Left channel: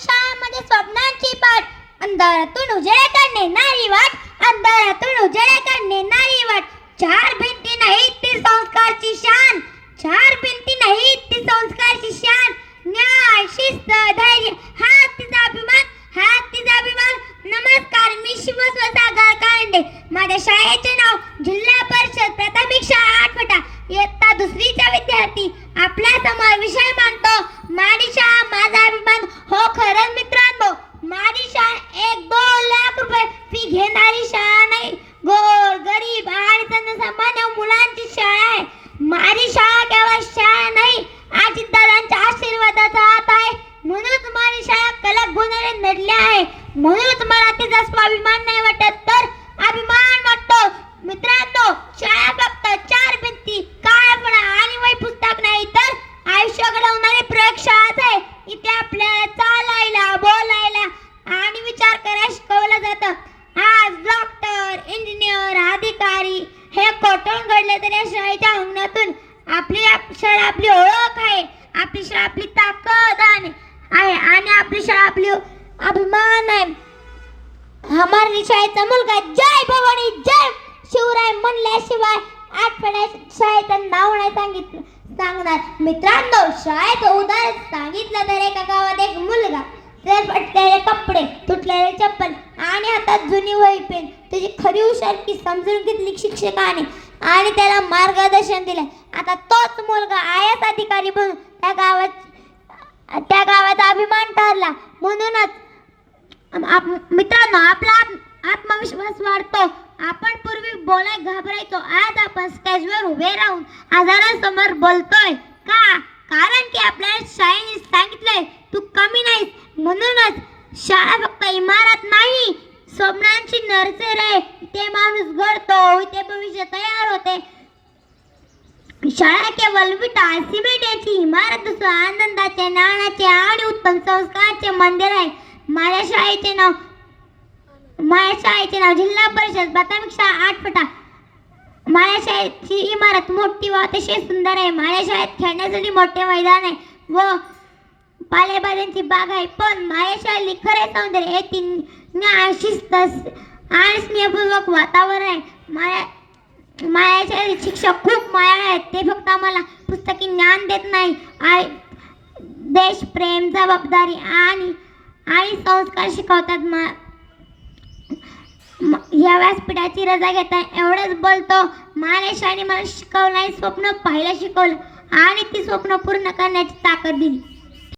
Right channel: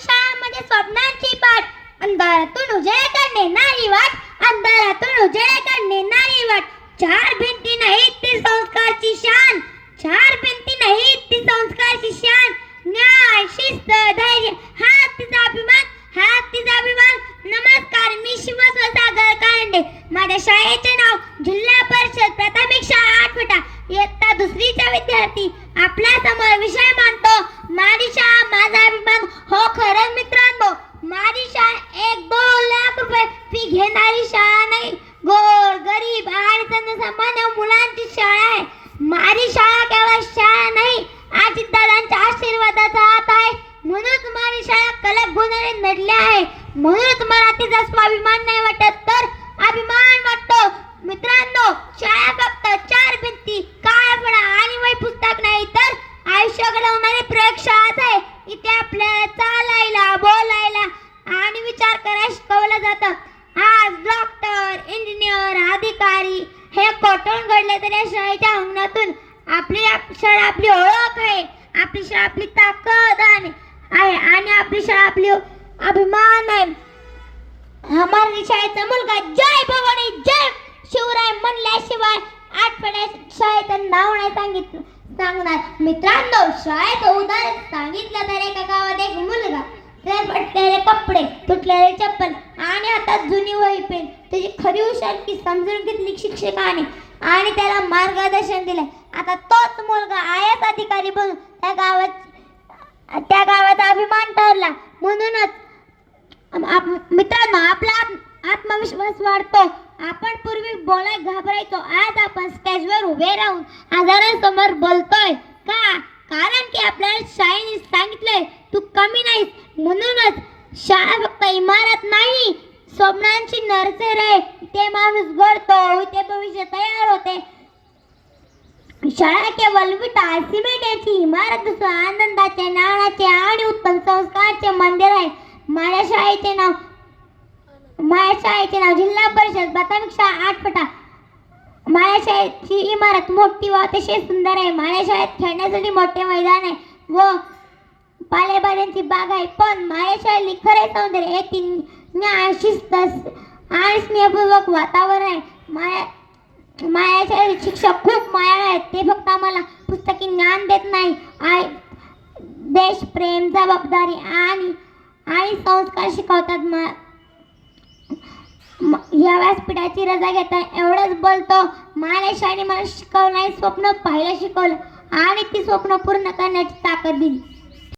शाळामध्ये स्वप्नांची पाठ, अंधारातून उजेडाकडे नेणारी वाट, अंधारातून उजेडाकडे नेणारी वाट. चार भिंती नाहीत ती संस्कारची शान, चार भिंती नाहीत ती संस्कारची शान. न्याय, शिस्त, धैर्य हा तिचा अभिमान, हा तिचा अभिमान. नमस्कार, मी शिवसागर कांडे. माझ्या शाळेचे नाव जिल्हा परिषद प्राथमिक शाळा आठवटा. इयत्ता दुसरीचा विद्यार्थी आपल्या समोर विषय मांडतो, माझी शाळा माझा अभिमान. हो खरंच मित्रांनो, माझी शाळा 1-2 लाख रुपये फी घेणारी शाळा नाही, गोर गरीब आणि सर्वसामान्य मुलांची शाळा आहे. माझी शाळा केवळ शाळा नाही, आजीदादांच्या आशीर्वादाचा हात आहे. म्हणूनच माझी शाळा कलक गुणाने नडली आहे. म्हणूनच मला तिचा स्वाभिमान नाही वाटत, तर अभिमान वाटतो. मित्रांनो, शाळा फक्त 4 भिंती, काळपणा आणि वही पुस्तक नाही, तर आयुष्य घडवणारी प्रयोगशाळाच आहे. इथे आपल्याला चालायला, बोलायला आणि विचार करायला शिकवलं जातं. आज डॉक्टर, इंजिनियर, अधिकारी हे कोठून घडले तरी या शाळेच्या अंगणातून आपली शाळा आपली ओळख आहे, आपली शाळा आपली ताकद आहे आणि आपली शाळा आपली अभिमान आहे. हमारी शाळेचा मुलगा जय भवानी जय शिवराय म्हणल्याशिवाय आठवड्या शाळेचं नाव नाही सांगणार. मित्रांनो, शाळेचं उदाहरण सांगितलं तर एका गावात एक मुलगा, फटलेले कपडे, तुटलेले चप्पल आणि हातात जुनी वही पेन. त्याची खरी हुशारी समजून घेतली शिक्षकाने आणि त्याला मार्गदर्शन दिले. आता तोच मुलगा IAS अधिकारी बनून त्या गावाचा अभिमान ठरला. म्हणूनच मित्रांनो, आपला आत्मविश्वास वाढतो. आपण पूर्वी बोलायला घाबरायचो, आज आपण स्टेजवर उभे राहून हजारांसमोर बोलतोय. का? कारण की आपल्याला शाळेने सांगितलंय तू कमी नाहीस. म्हणूनच शाळा फक्त इमारत नाही, स्वप्नांची नर्सरी आहे. इथे माणूस घडतो, इथे भविष्य तयार होते. शाळा केवळ विटा सिमेंट याची इमारत नसून आनंदाचे, ज्ञानाचे आणि उत्तम संस्काराचे मंदिर आहे. माझ्या शाळेचे नाव जिल्हा परिषद प्राथमिक शाळा आठवटा. माझ्या शाळेची इमारत मोठी व अतिशय सुंदर आहे. माझ्या शाळेत खेळण्यासाठी मोठे मैदान आहे व पालेभाज्यांची बाग आहे. पण माझ्या शाळेतली खरे सौंदर्य हे न्याय, शिस्त आणि स्नेहपूर्वक वातावरण आहे. माझ्या शाळेत शिक्षक खूप मायाळू आहेत. ते फक्त आम्हाला पुस्तकी ज्ञान देत नाही, देशप्रेम, जबाबदारी आणि संस्कार शिकवतात. या व्यासपीठाची रजा घेता एवढंच बोलतो. माझ्या शाळेने मला शिकवलं, स्वप्न पाहायला शिकवलं आणि ती स्वप्न पूर्ण करण्याची ताकद दिली.